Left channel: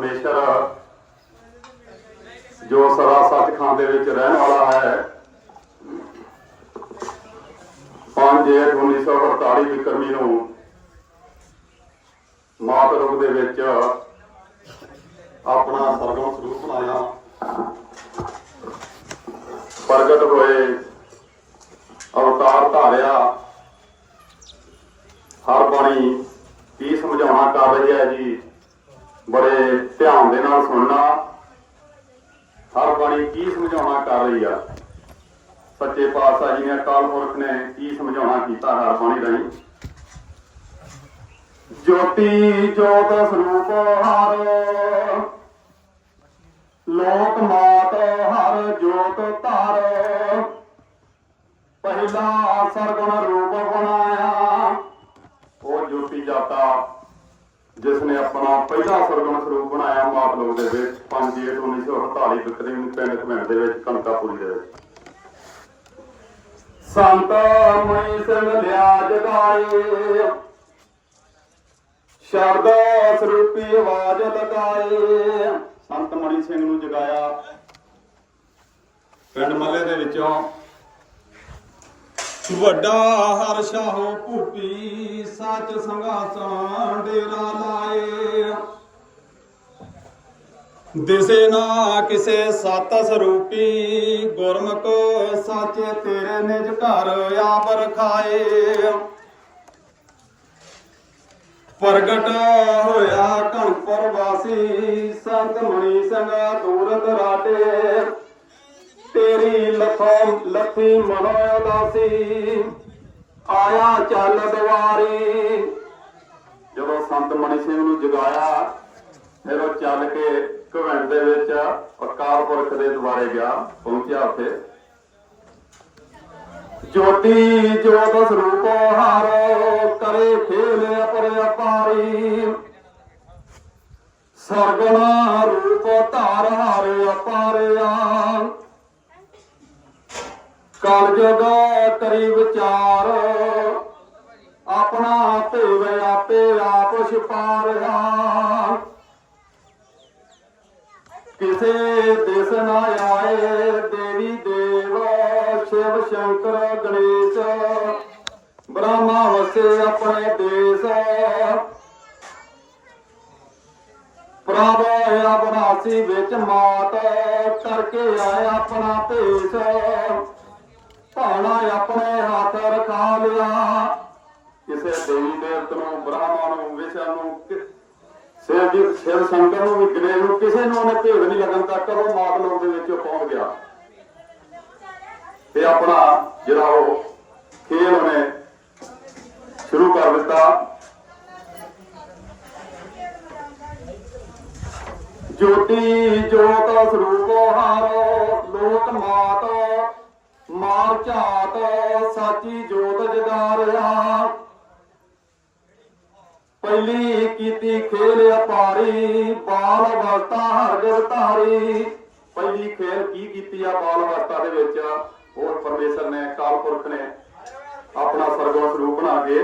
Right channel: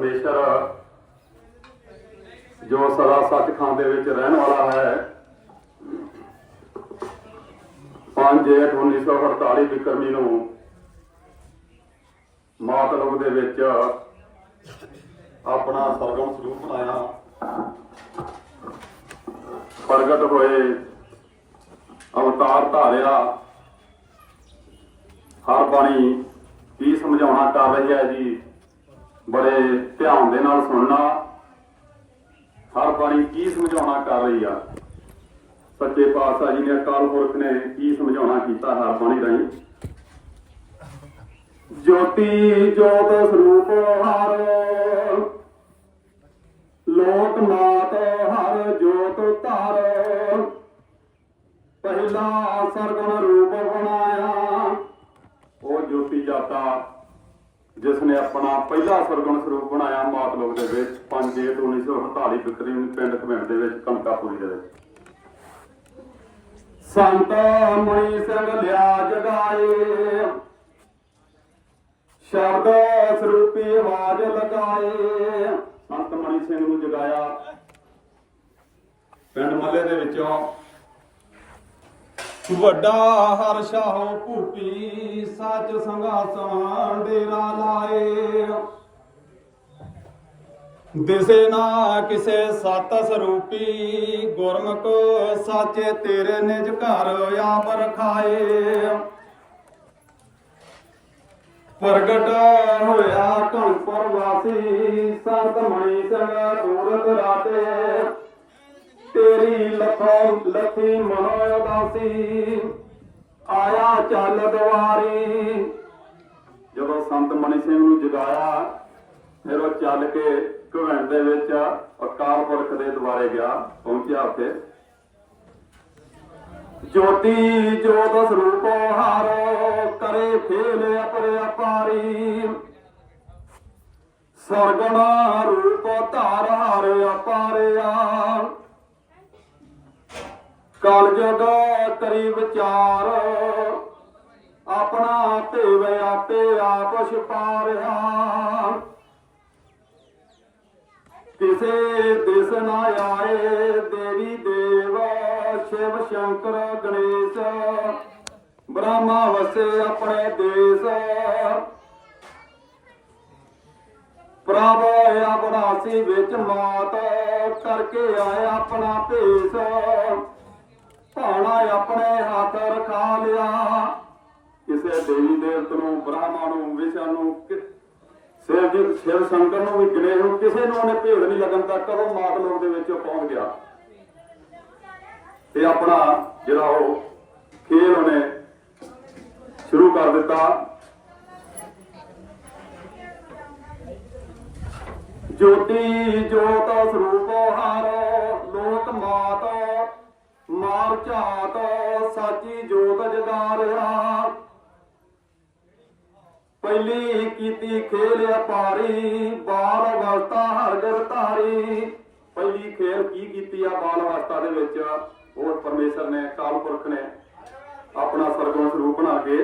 ਪਰਮੇਸ਼ਰ, ਜੋ ਸਦਾ ਸੱਚਖੰਡ ਦੇ ਵਿੱਚ ਰਹਿਣ ਵਾਲਾ ਹੈ। 5 ਜੇਠ 1948 ਵਿਕਰਮੀ ਨੂੰ ਮਾਤ ਰੂਪ ਦੇ ਵਿੱਚ ਆਪਣਾ ਸਰਗਮ ਸਰੂਪ ਬਣਾਇਆ। ਪ੍ਰਗਟ ਹੋਏ, ਅਵਤਾਰ ਧਾਰਿਆ। ਹਰ ਬਾਣੀ ਕੀ ਸਮਝਾਉਣਾ ਕਰ ਰਹੀ ਹੈ ਜੀ? ਬੜੇ ਧਿਆਨ ਦੇ ਨਾਲ ਸੁਣਨਾ। ਹਰ ਬਾਣੀ ਕੀ ਸਮਝਾਉਣਾ ਕਰ ਰਹੀ ਆ? ਸੱਚੇ ਪਾਤਸ਼ਾਹ ਜੀ ਨੇ ਅਕਾਲ ਪੁਰਖ ਨੇ ਕੀ ਸਮਝਾਉਣਾ ਕੀਤਾ ਹਰ ਬਾਣੀ ਰਾਹੀਂ? ਜੋਤੀ ਜੋਤ ਸਰੂਪ ਹਰ, ਲੋਕ ਮਾਤ ਹਰ ਜੋਤ ਧਰ। ਪਹਿਲਾ ਸਰਗੁਣ ਰੂਪ ਬਣਾਇਆ, ਉਹ ਜੋਤੀ ਜਾਤਾ ਜਿਸ ਨੇ ਆਪਣਾ ਪਹਿਲਾ ਸਰਗਣ ਸਰੂਪ ਬਣਾਇਆ ਮਾਤ ਲੋਕ ਦੇ ਵਿੱਚ 5 ਜੇਠ 1948 ਬਿਕਰੀ ਨੂੰ ਪਿੰਡ ਘਮੈਂਟ ਦੇ ਵਿੱਚ ਕਨਕਾਪੁਰੀ ਦੇ ਵਿੱਚ। ਸੰਤ ਮੁਨੀ ਸਿੰਘ ਲਿਆ ਜਗਾਏ। ਸ਼ਬਦ ਸਰੂਪੀ ਆਵਾਜ਼ ਲਗਾਏ। ਸੰਤ ਮਣੀ ਸਿੰਘ ਨੂੰ ਜਗਾਇਆ। ਪਿੰਡ ਮੱਲੇ ਦੇ ਵਿੱਚੋਂ ਵੱਡਾ ਹਰ ਸ਼ਾਹੋ ਭੂਪੀ ਸੱਚ ਸੰਘਾਸਣ ਡੇਰਾ ਲਾਏ। ਦਿਸੇ ਨਾ ਕਿਸੇ ਸਤ ਸਰੂਪੀ, ਗੁਰਮੁਖ ਸਾਚੇ ਤੇਰੇ ਨਿਜ ਘਰ ਆਪ ਰਖਾਏ ਪ੍ਰਗਟ ਹੋਇਆ ਘਣਪੁਰ ਵਾਸੀ ਸੰਤ ਮਣੀ ਸਿੰਘ ਦੂਰ ਦਰਾਟੇ ਤੇਰੀ ਲਖਾਂ ਲੱਥੀ ਮਨੋ ਦਾਸੀ ਆਇਆ ਚੱਲ ਦੁਆਰੀ। ਜਦੋਂ ਸੰਤ ਮਣੀ ਸਿੰਘ ਨੂੰ ਜਗਾਇਆ, ਫਿਰ ਉਹ ਚੱਲ ਕੇ ਘਵੰਡ ਦੇ ਵਿੱਚ ਅਕਾਲ ਪੁਰਖ ਦੇ ਦੁਆਰੇ ਗਿਆ, ਪਹੁੰਚਿਆ ਉੱਥੇ। ਜੋਤੀ ਜੋਤ ਸਰੂਪ ਹਰ, ਕਰੇ ਖੇਲ ਅਪਰ ਅਪਾਰੀ। ਸਰਗਣਾ ਰੂਪ ਧਾਰ ਹਰ ਅਪਾਰਿਆ। ਕਲ ਜੁਗ ਕਰੀ ਵਿਚਾਰ। ਆਪਣਾ ਭੇਵੇ ਆਪੇ ਆਪ ਛਪਾਰਿਆ ਕਿਸੇ ਦਿਸ ਨਾ ਆਏ, ਦੇਵੀ ਦੇਵ, ਸ਼ਿਵ ਸ਼ੰਕਰ, ਗਣੇਸ਼। ਬ੍ਰਹਮਾ ਵਸੇ ਆਪਣੇ ਦੇਸ। ਪ੍ਰਭ ਅਬਨਾਸੀ ਵਿੱਚ ਮਾਤ, ਕਰਕੇ ਆਏ ਆਪਣਾ ਭੇਸ। ਭਾਣਾ ਆਪਣੇ ਹੱਥ ਰਖਾ ਲਿਆ। ਕਿਸੇ ਦੇਵੀ ਦੇਵਤ ਨੂੰ, ਬ੍ਰਾਹਮਣ ਨੂੰ ਵਿਸ਼ਨ ਨੂੰ ਸਿਰ ਜੀ ਸਿਰ ਸ਼ੰਕਰ ਨੂੰ ਵੀ ਨੂੰ, ਕਿਸੇ ਨੂੰ ਉਹਨੇ ਭੇੜ ਨਹੀਂ ਲੱਗਣ ਤੱਕ ਉਹ ਮਾਤ ਲੋਕ ਦੇ ਵਿੱਚ ਪਹੁੰਚ ਗਿਆ। ਤੇ ਆਪਣਾ ਜਿਹੜਾ ਉਹ ਖੇਲ ਉਹਨੇ ਸ਼ੁਰੂ ਕਰ ਦਿੱਤਾ। ਜੋਤੀ ਜੋਤ ਸਰੂਪ ਹਰ, ਲੋਕ ਮਾਤ ਮਾਰ ਝਾਤ ਸਾਚੀ ਜੋਤ ਜਗਾਰਿਆ। ਪਹਿਲੀ ਕੀਤੀ ਖੇਲ ਅਪਾਰੀ, ਬਾਲ ਅਵਸਥਾ ਹਰਗਤ ਧਾਰੀ। ਪਹਿਲੀ ਖੇਲ ਕੀ ਕੀਤੀ ਆ ਬਾਲ ਅਵਸਥਾ ਦੇ ਵਿੱਚ? ਉਹ ਪਰਮੇਸ਼ਰ ਨੇ ਕਾਲ ਪੁਰਖ ਨੇ ਆਪਣਾ ਸਰਗਮ ਸਰੂਪ ਬਣਾ ਕੇ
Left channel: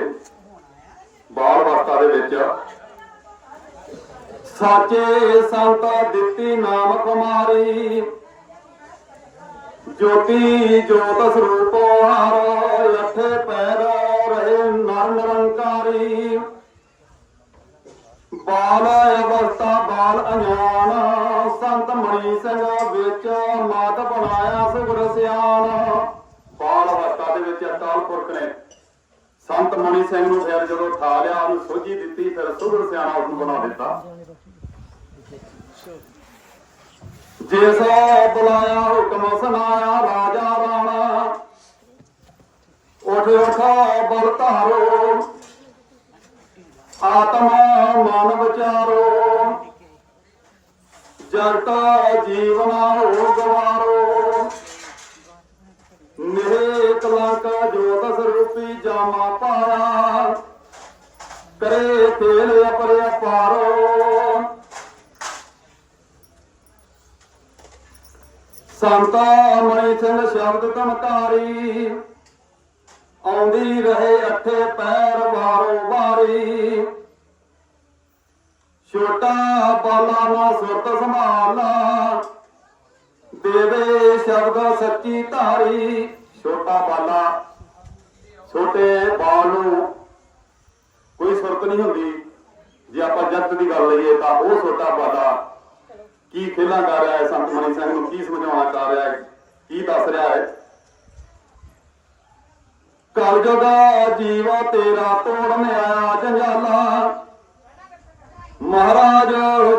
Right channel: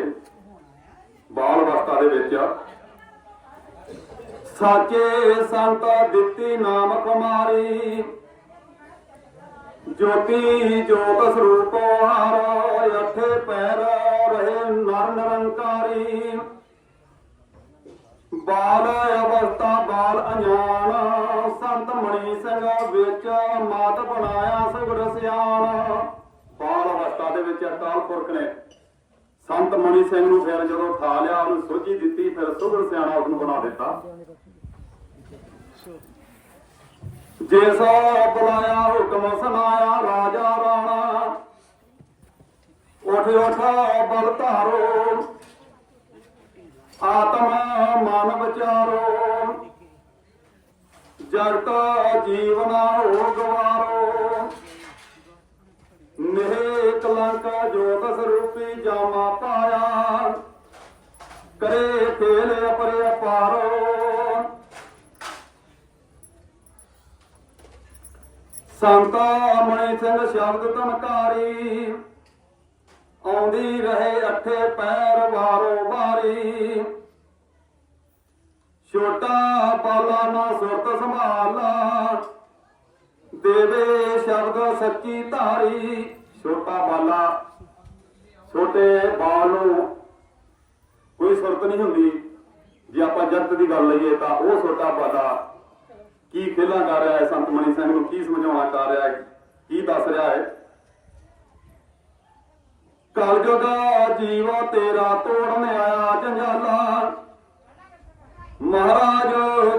ਬਾਲ ਅਵਸਥਾ ਦੇ ਵਿੱਚ ਸਾਚੇ ਸੰਤ ਦਿੱਤੀ ਨਾਮ ਕੁਮਾਰੀ। ਜੋਤੀ ਜੋਤ ਸਰੂਪ ਹਰ, ਲੱਠੇ ਪੈਰ ਰਹੇ ਨਰ ਨਿਰੰਕਾਰੀ ਬਾਲ ਅਵਸਥਾ, ਬਾਲ ਅඥਾਨ ਸੰਤ ਮਣੀ ਸਿੰਘ ਵਿੱਚ ਮਾਤ ਬਣਾਇਆ ਸੁਗੜ ਸਿਆਣ। ਬਾਲ ਅਵਸਥਾ ਦੇ ਵਿੱਚ ਅਕਾਲ ਪੁਰਖ ਨੇ ਸੰਤ ਮਣੀ ਸਿੰਘ ਨੂੰ ਫਿਰ ਜਦੋਂ ਠਾ ਲਿਆ, ਉਹਨੂੰ ਸੋਝੀ ਦਿੱਤੀ, ਫਿਰ ਸੁਗੜ ਸਿਆਣਾ ਉਹਨੂੰ ਬਣਾ ਦਿੱਤਾ। ਜਿਸ ਬੁਲਾਇਆ ਹੁਕਮ ਸੁਣਾਇਆ, ਰਾਜਾ ਰਾਣਾ ਉਠ ਉਠ ਬਲ ਧਾਰੋ, ਆਤਮਾ ਮਨ ਵਿਚਾਰੋ। ਜਗਤ ਜੀਵਨਾ ਹੋ ਗਵਾਰੋ ਮੇਰੇ ਕਲੰਕ ਜੋ ਦਸ ਜਾਮਾ ਪਾਇਆ। ਕਰੇ ਖੇਲ ਅਪਰ ਅਪਾਰੋ ਸੰਤਾ ਮਣੀ ਸਿੰਘ ਸ਼ਬਦ ਧਮਕਾਰੀ। ਆਉਂਦੀ ਰਹੇ ਅੱਠੇ ਪੈਰ ਵਾਰੋ ਵਾਰੀ। ਛੋਟਾ ਬਾਲਾ ਨਾ ਸੁਰਤ ਸੰਭਾਲਾ। ਦੇਵੇ ਸ਼ਬਦ ਸੱਚੀ ਧਾਰੀ। ਛੋਟਾ ਬਾਲਾ, ਛੋਟੇ ਬਾਲ ਨੂੰ ਕੋਈ ਸੁਰਤ ਨਹੀਂ ਹੁੰਦੀ। ਜੇ ਆਪਾਂ ਜਗਤ ਦੀ ਗੱਲ ਲਈਏ ਤਾਂ ਉਹ ਛੋਟਾ ਬਾਲਾ ਕੀ ਖੇਲਾ ਕਰ ਰਿਹਾ ਹੈ ਸੰਤ ਮਨੀ ਸਿੰਘ ਨੂੰ? ਕੀ ਸਮਝਾਉਣਾ ਚਾਹ ਰਿਹਾ ਹੈ? ਕੀ ਦੱਸ ਰਿਹਾ ਹੈ? ਕਲਯੁਗ ਜੀਵ ਤੇਰਾ ਤੋੜਨ ਆਇਆ ਜੰਜਾਲਾ। ਮਹਾਰਾਜ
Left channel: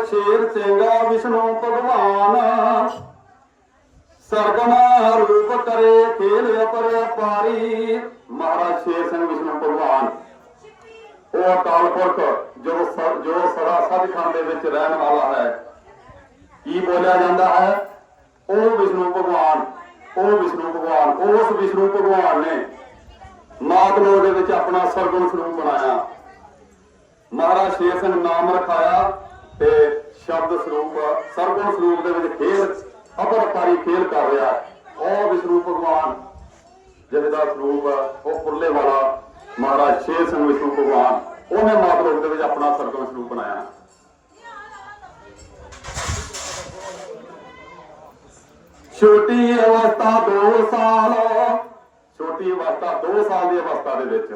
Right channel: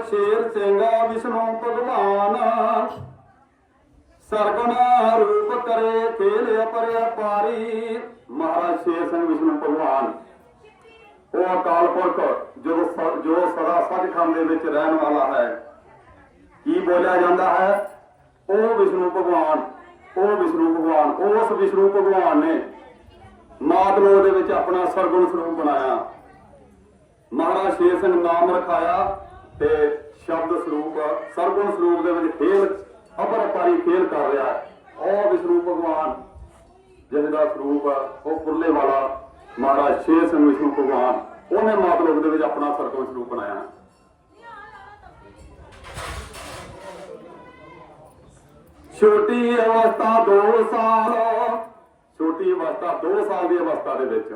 ਸ਼ੇਰ ਸਿੰਘ ਵਿਸ਼ਨੂੰ ਭਗਵਾਨ। ਸਰਗਨਾ ਰੂਪ ਕਰੇ, ਖੇਲ ਪਰੇ ਪਾਰੀ ਮਹਾਰਾਜ ਸ਼ੇਰ ਸਿੰਘ ਵਿਸ਼ਨੂੰ ਭਗਵਾਨ। ਉਹ ਅਕਾਲ ਪੁਰਖ ਜੋ ਸ- ਜੋ ਸਦਾ ਸੱਚਖੰਡ ਦੇ ਵਿੱਚ ਰਹਿਣ ਵਾਲਾ ਹੈ। ਕੀ ਬੋਲਿਆ ਜਾਂਦਾ ਹੈ? ਉਹ ਵਿਸ਼ਨੂੰ ਭਗਵਾਨ, ਉਹ ਵਿਸ਼ਨੂੰ ਭਗਵਾਨ, ਉਸ ਵਿਸ਼ਨੂੰ ਭਗਵਾਨ ਨੇ ਮਾਤਲੋ ਦੇ ਵਿੱਚ ਆਪਣਾ ਸਰਗੁਣ ਸਰੂਪ ਬਣਾਇਆ। ਮਹਾਰਾਜ ਸ਼ੇਰ ਸਿੰਘ ਨਾਮ ਰਖਾਇਆ ਤੇ ਸ਼ਬਦ ਸਰੂਪ, ਸਰਗੁਣ ਸਰੂਪ ਦੇ ਵਿੱਚ ਖੇਲ ਅਪਰ ਪਾਰੀ ਖੇਲ ਕਰ ਰਿਹਾ। ਉਹ ਵਿਸ਼ਨੂੰ ਭਗਵਾਨ, ਜਿਹਦਾ ਸਰੂਪ ਉਹ ਕੁੱਲੇ ਵਾਲਾ ਮਹਾਰਾਜ ਸ਼ੇਰ ਸਿੰਘ ਵਿਸ਼ਨੂੰ ਭਗਵਾਨ, ਉਹਨੇ ਮਾਤਲੋ ਦੇ ਵਿੱਚ ਆਪਣਾ ਸਰਗੁਣ ਸਰੂਪ ਬਣਾਇਆ। ਛੋਟੀ ਅਵਸਥਾ 2 ਸਾਲ। ਛੋਟੀ ਅਵਸਥਾ 2 ਸਾਲ ਦੀ ਅਵਸਥਾ ਦੇ ਵਿੱਚ।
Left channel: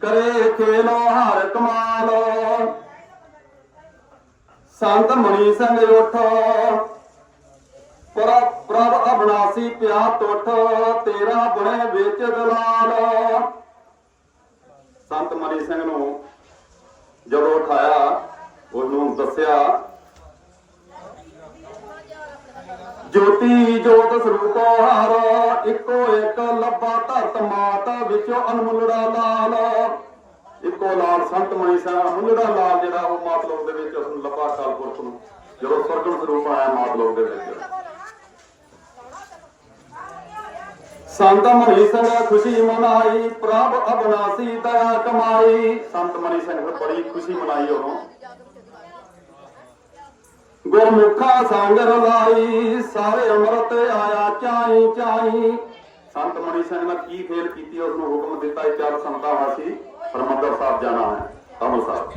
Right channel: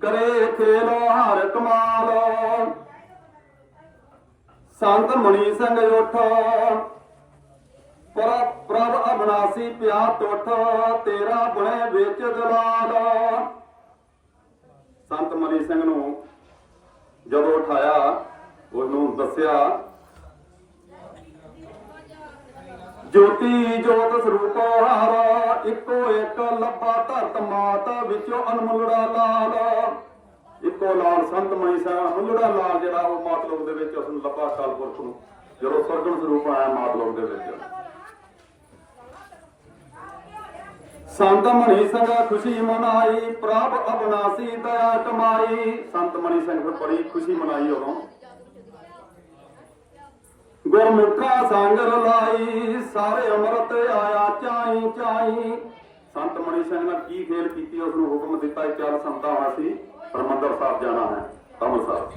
ਕਰੇ ਖੇਲੋ ਹਰ ਕਮਾਲ। ਸੰਤ ਮਣੀ ਸਿੰਘ ਰੁੱਠ। ਪ੍ਰਭ ਪ੍ਰਭ ਅਬਨਾਸੀ ਪਿਆ ਟੁੱਟ ਤੇਰਾ ਬੁਣੇ ਵਿੱਚ ਦਲਾਲ। ਸੰਤ ਮਨੀ ਸਿੰਘ ਨੂੰ ਜਦੋਂ ਉਠਾਇਆ, ਉਹਨੂੰ ਦੱਸਿਆ ਜੋਤੀ ਜੋਤ ਸਰੂਪ ਹਾਰ, ਇੱਕੋ ਇੱਕ ਲੱਭਾ ਧਰਤ ਮਾਤ ਵਿੱਚੋਂ ਅਨਮੁਲੜਾ ਲਾਲ। ਇੱਕੋ ਲਾਲ ਸੰਤ ਮਣੀ ਸਾਹਿਬ, ਅਨਮੁਲੜਾ ਲਾਲ ਜਿਹੜਾ ਉਹ ਮਾਤਲੋਕ ਦੇ ਵਿੱਚ ਉਸ ਨੂੰ ਲੱਭਾ ਕਾਲ ਨੂੰ, ਜਦੋਂ ਸਰਗਮ ਸਰੂਪ ਆਇਆ ਮਾਤਲੋਕ ਦੇ ਵਿੱਚ। ਸੰਤ ਮਨੀ ਸਿੰਘ ਖੁਸ਼ੀ ਮਨਾਈ, ਪ੍ਰਭ ਅਬਨਾਸੀ ਦਇਆ ਕਮਾਈ। ਸੰਤ ਮਨੀ ਸਿੰਘ ਬੜੀ ਖੁਸ਼ੀ ਮਨਾਈ ਉਹ ਗੁਰਮੁਖਾ ਸੰਗ ਰਲਾਈ ਸਾਰੇ ਅੰਮ੍ਰਿਤ ਆਇਆ, ਚਾਈ ਚਾਈ। ਸੰਤ ਮਣੀ ਸਿੰਘ ਕੀ ਖੇਲ ਕੀਤੀ ਉਸ ਨੂੰ ਹੁਕਮ ਦਿੱਤਾ ਚਾਰ ਸੰਤਾਂ ਵਾਸੀ ਹਰਮੰਦਰ ਸਾਹਿਬ ਜਾਣਾ ਹੈ ਤੁਹਾਨੂੰ ਸਾਹਿਬ।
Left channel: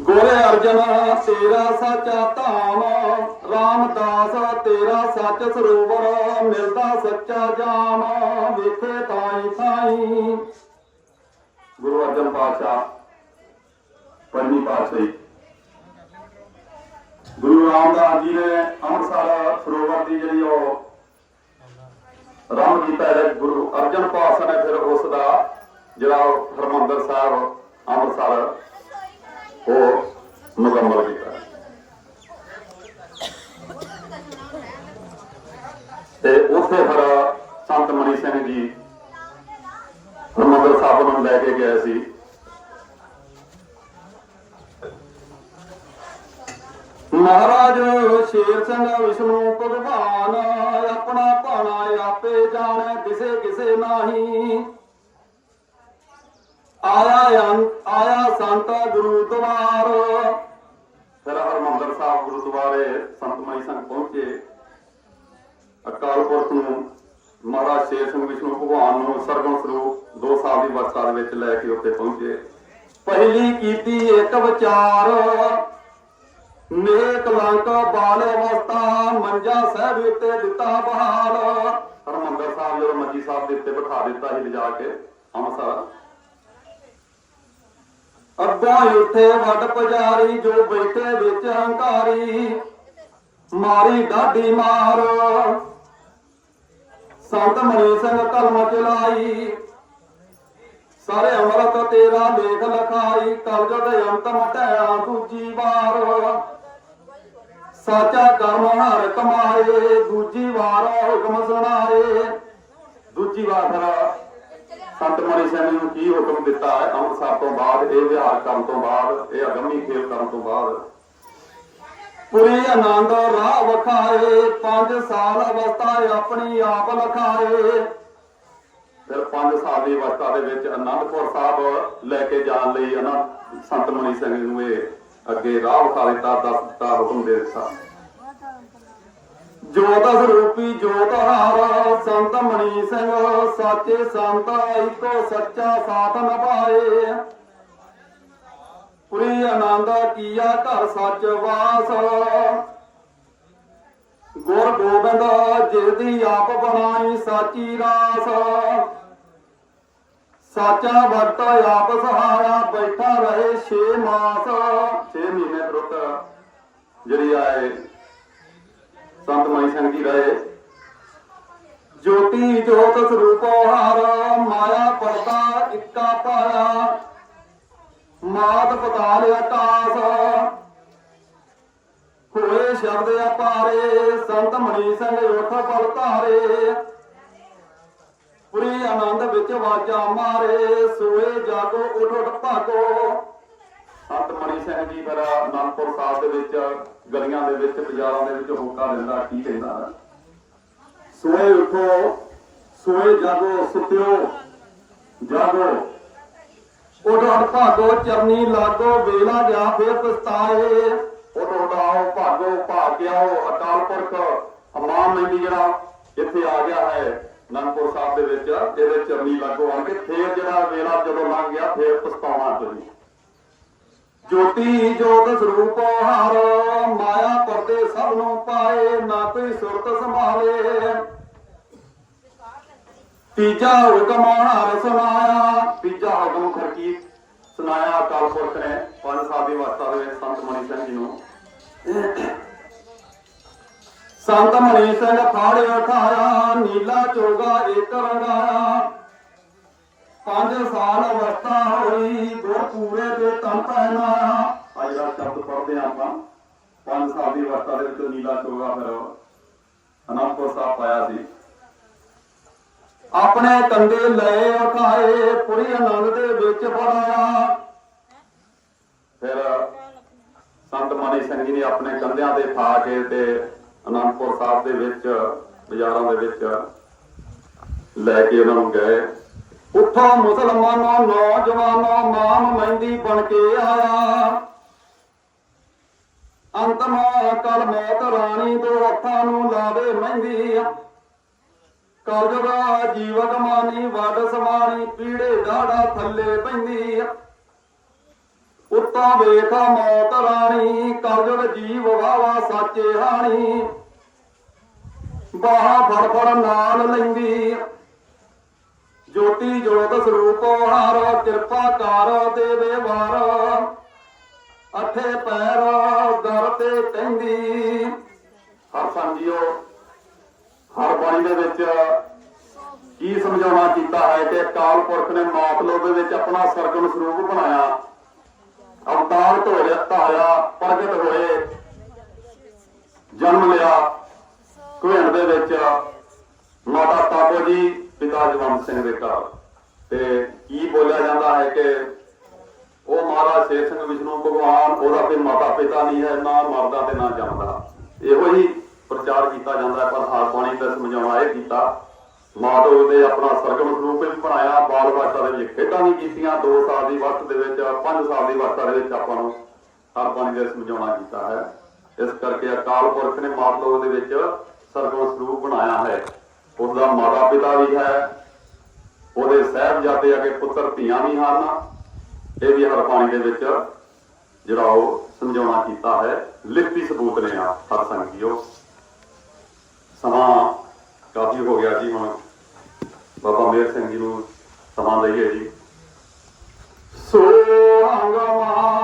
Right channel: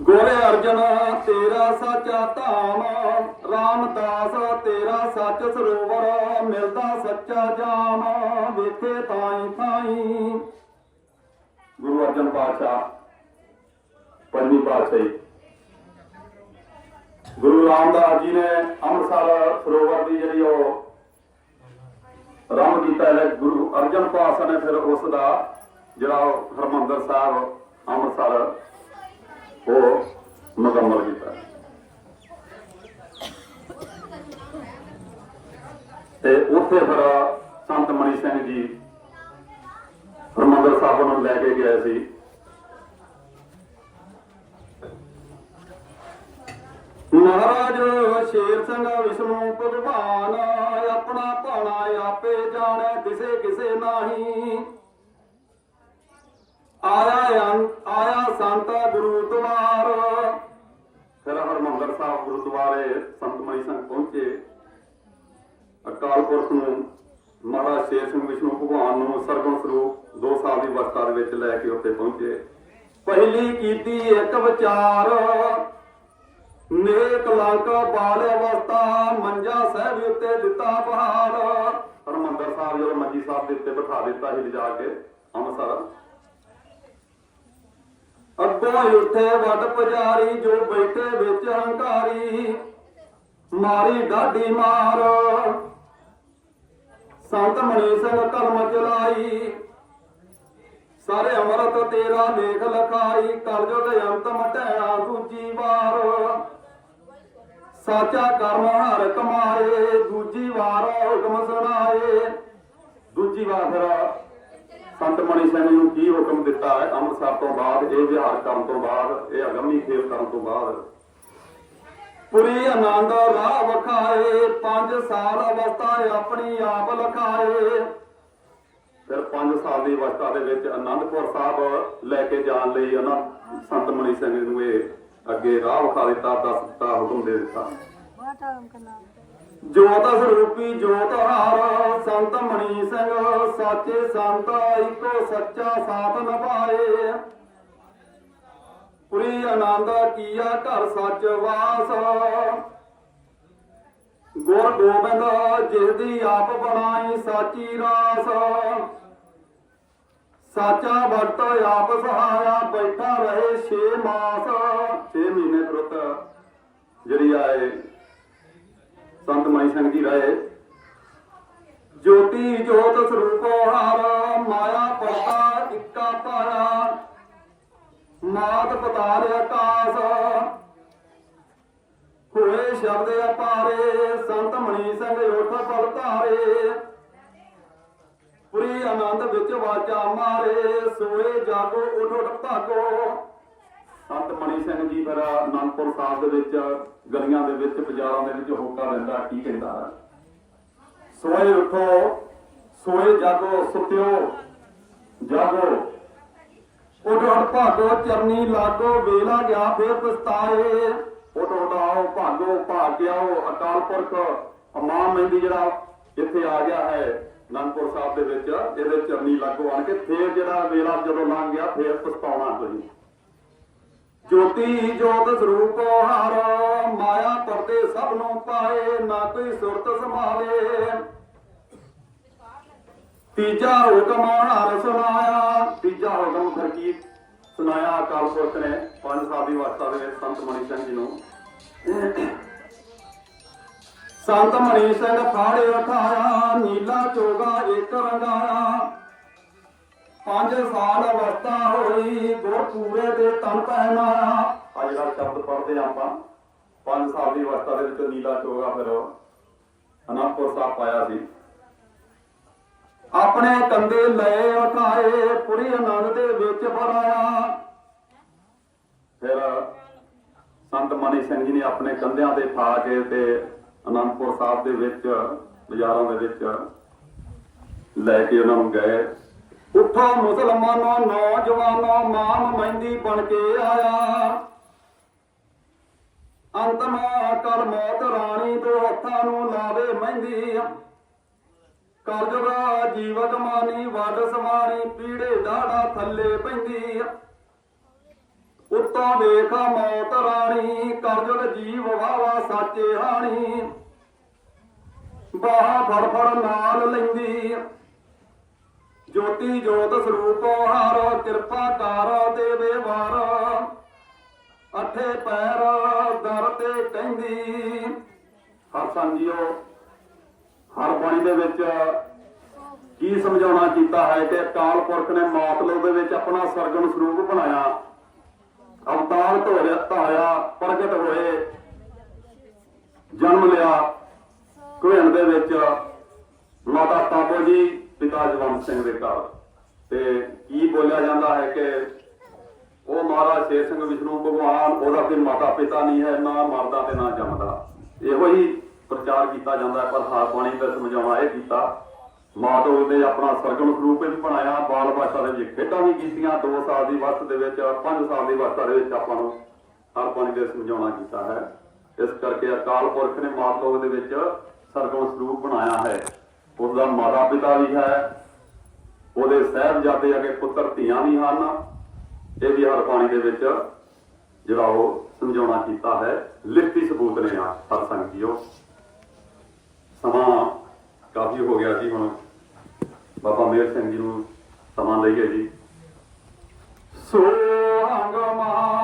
ਗੋਰੇ ਅਰਜਨ, ਤੇਰਾ ਸੱਚਾ ਧਾਮ, ਰਾਮਦਾਸ, ਤੇਰਾ ਸੱਚ ਸਰੋਵਰ, ਮਿਲਦਾ ਸੱਚਾ ਜਾਮ ਵੇਖੇ ਤਾਈ ਤਾਈ। ਗੁਰੂ ਅਰਜਨ ਪਾਤਸ਼ਾਹ, ਪੰਜਵੀਂ ਪਾਤਸ਼ਾਹੀ। ਗੁਰੂ ਰਾਮਦਾਸ ਜੀ ਨੇ ਅੰਮ੍ਰਿਤਸਰ ਸਰੋਵਰ ਦੀ ਜਿਹੜੀ ਉਹ ਰੰਗ ਕੀਤਾ ਹੈ, ਗੁਰੂ ਅਰਜਨ ਪਾਤਸ਼ਾਹ ਨੇ ਫਿਰ ਉਸ ਦਾ ਜਿਹੜਾ ਉਹ ਹਰਮੰਦਰ ਸਾਹਿਬ, ਅੰਮ੍ਰਿਤਸਰ, ਉਹ ਮੁਕੰਮਲ ਕੀਤਾ। ਤੇ ਉੱਥੇ ਫਿਰ ਸੰਤ ਮਨੀ ਸਿੰਘ ਜੀ ਹਰਮੰਦਰ ਸਾਹਿਬ ਨੂੰ ਲੈ ਕੇ ਗਏ ਸੀ ਮਹਾਰਾਜ ਸ਼ੇਰ ਸਿੰਘ ਵਿਸ਼ਨੂੰ ਭਗਵਾਨ ਆਪਣਾ ਭਾਣਾ ਆਪੇ ਜਾਣੈ, ਕਿਸੇ ਕਿਸੇ ਨਾਹੀ। ਆਇਆ ਆਇਆ ਸੰਤ ਗੁਰੂ ਦਵਾਰ ਫਿਰ ਹਰਮੰਦਰ ਸਾਹਿਬ ਗੁਰਦੁਆਰੇ ਸੰਤ ਮਈ ਸਿੰਘ ਪਹੁੰਚੇ। ਅਕਾਲ ਪੁਰਖ ਨੂੰ ਮਹਾਰਾਜ ਸ਼ੇਰ ਸਿੰਘ ਵਿਸ਼ਨੂੰ ਭਗਵਾਨ ਨੂੰ ਸਰਗੁਣ ਸਰੂਪ ਦੋ ਸਾਲ ਦੀ ਅਵਸਥਾ ਦੇ ਵਿੱਚ ਲੈ ਕੇ ਉੱਥੇ ਪਹੁੰਚੇ। ਪਹਿਲੀ ਕੀਤੀ ਇੱਕ ਵਿਚਾਰ। ਨੇਕ ਲੰਕ ਬਾਲ ਅਵਸਥਾ, ਮੰਜਾ ਸਾਹਿਬ ਉੱਤੇ ਦਿੱਤਾ ਬਹਾਲ। ਹਰਮੰਦਰ ਸਾਹਿਬ ਜਦੋਂ ਮੰਜੀ ਸਾਹਿਬ ਦੇ ਉੱਤੇ ਬਿਠਾ ਦਿੱਤਾ ਸੀ ਲਿਜਾ ਕੇ, ਅੰਮ੍ਰਿਤਸਰ। ਅੱਗੋਂ ਉੱਠੇ ਵੱਡ ਪੁਜਾਰੀ, ਜੋ ਬੈਠੇ ਵਿੱਚ ਹੰਕਾਰੀ, ਮਾਰੀ ਡਾਢੀ ਮਾਰ। ਸੰਤ ਮਨੀ ਸਿੰਘ ਕਲਮ ਚਲਾਈ ਸਾਰੇ ਅਮਰਤ ਤੇਰਾ ਲੇਖ ਲਖਾਈ, ਕਰਜਤ ਅੰਤ ਮਟਿਆ ਦੂਜੀ ਵਾਰ। ਸਾਚਾ ਕਰਮ ਹਰ ਕਮਾਏ, ਦੂਜੀ ਵਾਰ ਹੁਕਮ ਸੁਣਾਏ। ਦੂਜੀ ਵਾਰ ਫਿਰ ਸੰਤ ਮਨੀ ਸਿੰਘ ਨੂੰ ਕੀ ਹੁਕਮ ਦਿੱਤਾ? ਹੈ ਅੰਮ੍ਰਿਤਸਰ ਤੋਂ ਬਾਅਦ, ਇਹ ਵਿਹਾਰ ਕਰਨ ਤੋਂ ਬਾਅਦ, ਇਹ ਅਗੰਮੀ ਖੇਲ ਕਰਨ ਤੋਂ ਬਾਅਦ। ਪੁਰੀ ਆਨੰਦ ਰਾਹ ਵਖਾਏ, ਪੰਜ ਸਾਲ ਅਵਸਥਾ ਆਪਣੀ ਆਪ ਲਖਾਏ। ਫਿਰ 5 ਸਾਲ ਦੀ ਅਵਸਥਾ ਦੇ ਵਿੱਚ ਅਨੰਦਪੁਰ ਸਾਹਿਬ ਲੈ ਕੇ ਜਾਣ ਲਈ ਹਨਾ, ਸੰਤ ਮਨੀ ਸਿੰਘ ਨੂੰ ਇਹ ਅੱਗੇ ਰਾਹ ਵਿਖਾ ਦਿੱਤਾ ਦੱਸ ਦਿੱਤਾ ਹੁਕਮ ਦੇ ਦਿੱਤਾ। ਜੋਤ ਸਰੂਪੀ ਜੋਤ ਹਾਰ ਸੰਤ ਮਨੀ ਸਿੰਘ ਸਾਚੇ ਸੰਤ ਇੱਕੋ ਸੱਚਾ ਸਾਥ ਨਿਭਾਏ ਪੁਰੀ ਆਨੰਦ ਕੀਆ ਘਰ ਸੱਚ ਵਾਸ। ਗੁਰ ਗੋਬਿੰਦ ਜਿਸ ਦੀ ਆਪ ਬਣਾਈ ਸਾਚੀ ਰਾਸ। ਸਾਚਾ ਭਗਤ ਆਪ ਸਹਾਇਆ ਬੈਠਾ ਰਹੇ 6 ਮਾਸ। 6 ਮਹੀਨੇ ਤੁਰਤ ਜਿਹੜੀ ਆਏ ਸੰਤ ਮਨੀ ਸਿੰਘ ਜੀ ਰਹੇ ਜੋਤੀ ਜੋਤ ਸਰੂਪੋ ਹਰ, ਮਾਇਆ ਪਰਤਾ ਇੱਕਾ ਪਾਇਆ ਮਾਤ ਪਤਾਲ ਆਕਾਸ। ਹੋਏ ਸ਼ਬਦ ਅਪਾਰੇ, ਸੰਤ ਮਣੀ ਸਿੰਘ ਉਠ ਪੜਤਾਰੇ ਪੁਰੀ ਆਨੰਦ ਵਿੱਚ ਵਾਜਾ ਮਾਰੇ, ਸੋਏ ਜਾਗੋ ਉਠ ਉਠ ਭਾਗੋ। ਸੰਤ ਸਿੰਘ ਜੀ, ਮੇਰਾ ਅਨੰਦਪੁਰ ਸਾਹਿਬ ਦੇ ਵਿੱਚ, ਗਲੀਆਂ ਦੇ ਵਿੱਚ, ਬਾਜ਼ਾਰਾਂ ਦੇ ਵਿੱਚ ਹੋਕਾ ਦਿੰਦਾ, ਕੀ ਕਹਿੰਦਾ? ਸੋਏ ਉਠੋ, ਸੋਏ ਜਾਗੋ, ਸੁਤਿਓ, ਜਾਗੋ। ਉਡਾੜ ਭਾਗੋ, ਚਰਨੀ ਲਾਗੋ, ਵੇਲਾ ਗਿਆ, ਫੇਰ ਪਛਤਾਏ। ਉਡਾਓ, ਭਾਗੋ ਭਾਗਿਆਓ ਅਕਾਲ ਪੁਰਖ। ਅਮਾਨ ਮਹਿੰਦੀ ਜਿਹੜਾ ਇੱਥੇ ਆ ਗਿਆ ਹੈ। ਅਨੰਦਪੁਰ ਸਾਹਿਬ ਦੇ ਵਿੱਚ ਇਹਦੇ ਚਰਨੀ ਲਾਗੋ ਆਣ ਕੇ ਫੇਰ ਜਿਹੜਾ ਵੇਲਾ ਜਦੋਂ ਲੰਘ ਗਿਆ, ਫੇਰ ਪਛਤਾਉਣਾ ਤੁਸੀਂ ਜੋਤੀ ਜੋਤ ਸਰੂਪ ਹਰ, ਮਾਇਆ ਪਰਦੇ ਸਭ ਨੂੰ ਪਾਏ, ਨਾ ਕੋਈ ਸੁਰਤ ਸੰਭਾਲੇ। ਤੀਜਾ ਹੁਕਮ ਹਰ ਸੁਨਾਇਆ। ਤੀਜਾ ਹੁਕਮ ਖਰਕੀ ਸੁਨਾਇਆ ਅਕਾਲ ਪੁਰਖ ਨੇ? ਪੰਜ ਸਾਲ ਦੀ ਅਵਸਥਾ ਦੇ ਸੰਤ ਮਨੀ ਸਿੰਘ ਜੀ ਨੂੰ। ਸੰਤ ਮਨੀ ਸਿੰਘ ਫਾੜੇ ਉਠਾਇਆ। ਚੋਗਾ ਪੰਜ ਸਾਲ ਅਵਸਥਾ ਹੋਈ, ਗੁਰ ਪੂਰੇ ਦੇ ਤਨ ਪਹਿਨਾਇਆ ਆ ਜਿਹੜਾ ਸ਼ਬਦ ਪੜ੍ਹਦੇ ਆਪਾਂ। ਪੰਜ ਸਾਲ ਦੀ ਅਵਸਥਾ ਦੇ ਵਿੱਚ ਨੀਲਾ ਚੋਗਾ ਫਿਰ ਅਨੰਦਪੁਰ ਸਾਹਿਬ ਪਾਇਆ ਸੀ। ਆਪਣੇ ਕੰਡੇ ਲਏ ਉਠਾਏ, ਪੁਰੀ ਆਨੰਦ ਦੇ ਵਿੱਚ ਬੜਾਇਆ ਫਿਰ ਸੰਤ ਮਨੀ ਸਿੰਘ ਜੀ ਨੇ ਆਪਣੇ ਕੰਧਿਆਂ ਤੇ ਠਾ ਕੇ ਤੇ ਅਨੰਦਪੁਰ ਸਾਹਿਬ ਦੇ ਵਿੱਚ, ਬਾਜ਼ਾਰਾਂ ਦੇ ਵਿੱਚ ਲੈ ਕੇ ਉਹਨਾਂ ਨੂੰ ਗਏ। ਉੱਠੋ ਮੁਸਲਮਾਨੋ ਨੌਜਵਾਨੋ ਮਾਮ ਮਹਿੰਦੀ ਬਣ ਕੇ ਆਇਆ। ਅੰਤਮਾ ਕਰ ਮੌਤ ਰਾਣੀ ਤੋਂ ਹੱਥਾਂ ਨੂੰ ਲਾਵੇ ਮਹਿੰਦੀ। ਕਰਜਦਾ ਜੀਵਨ ਮਾਨੀ, ਵੱਡ ਸਮਾਣੀ ਪੀੜੇ ਢਾੜਾ ਥੱਲੇ ਪੈਂਦੀ। ਉੱਤਾ ਵੇਖਾ ਮੌਤ ਰਾਣੀ ਕਰਜਦ ਜੀਵ ਵਾਵਾ ਸਾਚੇ ਹਾਣੀ। ਬਾਹ ਫੜ ਫੜ ਨਾਲ ਲੈਂਦੀ। ਜੋਤੀ ਜੋਤ ਸਰੂਪੋ ਹਰ, ਕਿਰਪਾ ਕਰ ਦੇਵੇ ਵਾਰ ਅਠੇ ਪੈਰ ਦਰ ਤੇ ਕਹਿੰਦੀ ਪਰ ਸਮਝਿਓ ਹਰ ਬਾਣੀ ਦੇ ਵਿੱਚ ਕੀ ਸਮਝਾਉਣਾ ਕੀਤਾ ਹੈ ਕਿ ਅਕਾਲ ਪੁਰਖ ਨੇ ਮਾਤਲੋ ਦੇ ਵਿੱਚ ਆਪਣਾ ਸਰਗਮ ਸਰੂਪ ਬਣਾਇਆ। ਅਵਤਾਰ ਧੋਇਆ, ਧਾਇਆ, ਪ੍ਰਗਟ ਹੋਏ। ਜਨਮ ਲਿਆ। ਕੁਹਣ ਦੇ ਵਿੱਚ ਮਾਤਾ ਤਾਪੋ ਜੀ ਪਿਤਾ ਜਵੰਤ ਸਿੰਘ ਦੇ ਘਰ। ਤੇ ਕੀ ਬੋਲਿਆ ਜਾਂਦਾ ਹੈ ਕਿ ਉਹ ਮਹਾਰਾਜ ਸ਼ੇਰ ਸਿੰਘ ਵਿਸ਼ਨੂੰ ਭਗਵਾਨ, ਉਹਦਾ ਕੋਈ ਮਾਤਾ ਪਿਤਾ ਨਹੀਂ ਹੈ, ਨਾ ਮਰਦਾ ਤੇ ਨਾ ਜੰਮਦਾ ਇਹੋ ਹੀ ਪ੍ਰਚਾਰ ਕੀਤਾ ਜਾਂਦਾ ਹੈ ਪਰ ਹਾਰ ਦਾ ਸਮਝਾਉਣਾ ਇਹ ਕੀਤਾ। ਮਾਧਵ ਨੇ ਆਪਣਾ ਸਰਗਮ ਸਰੂਪ ਵਿੱਚ ਬਣਾਇਆ, ਬਾਲ ਭਾਸ਼ਾ ਦੇ ਵਿੱਚ ਖੇਡਾਂ ਵੀ ਕੀਤੀਆਂ 2 ਸਾਲ ਦੀ ਵਕਤ ਦੇ ਵਿੱਚ 5 ਸਾਲ ਦੀ ਵਕਤ ਦੇ ਵਿੱਚ ਆਪਾਂ ਨੂੰ ਹਾਰ ਬਾਣੀ ਦਾ ਸਮਝਾਉਣਾ ਕੀਤਾ ਹੈ। ਇਸ ਕਰਕੇ ਅਕਾਲ ਪੁਰਖ ਨੇ ਮਾਧਵ ਦੇ ਵਿੱਚ ਸਰਗਮ ਸਰੂਪ ਬਣਾਇਆ ਹੈ। ਉਹਦਾ ਮਾਤਾ ਪਿਤਾ ਵੀ ਹੈ, ਉਹਦੇ ਸਹਿਬਜ਼ਾਦੇ ਅਗੇ ਪੁੱਤਰ ਧੀਆਂ ਵੀ ਹਨ। ਇਹ ਵੀ ਹਰ ਪਾਣੀ ਦੇ ਵਿੱਚ ਜਿਹੜਾ ਉਹ ਸਮਝਾਉਣਾ ਕੀਤਾ ਹੈ, ਲਿਖਤੀ ਸਬੂਤ ਨੇ ਆ, ਹਰ ਸੰਗੀਓ। ਸਮਾਂ ਕਾਫੀ ਹੋ ਗਿਆ ਜੀ ਹੁਣ। ਬਾਬਾ ਮੇਰ ਸਿੰਘ ਜੀ ਨੂੰ ਸਮਾਂ ਲਈਏ ਜੀ। ਸੋ ਅੰਗਮਾ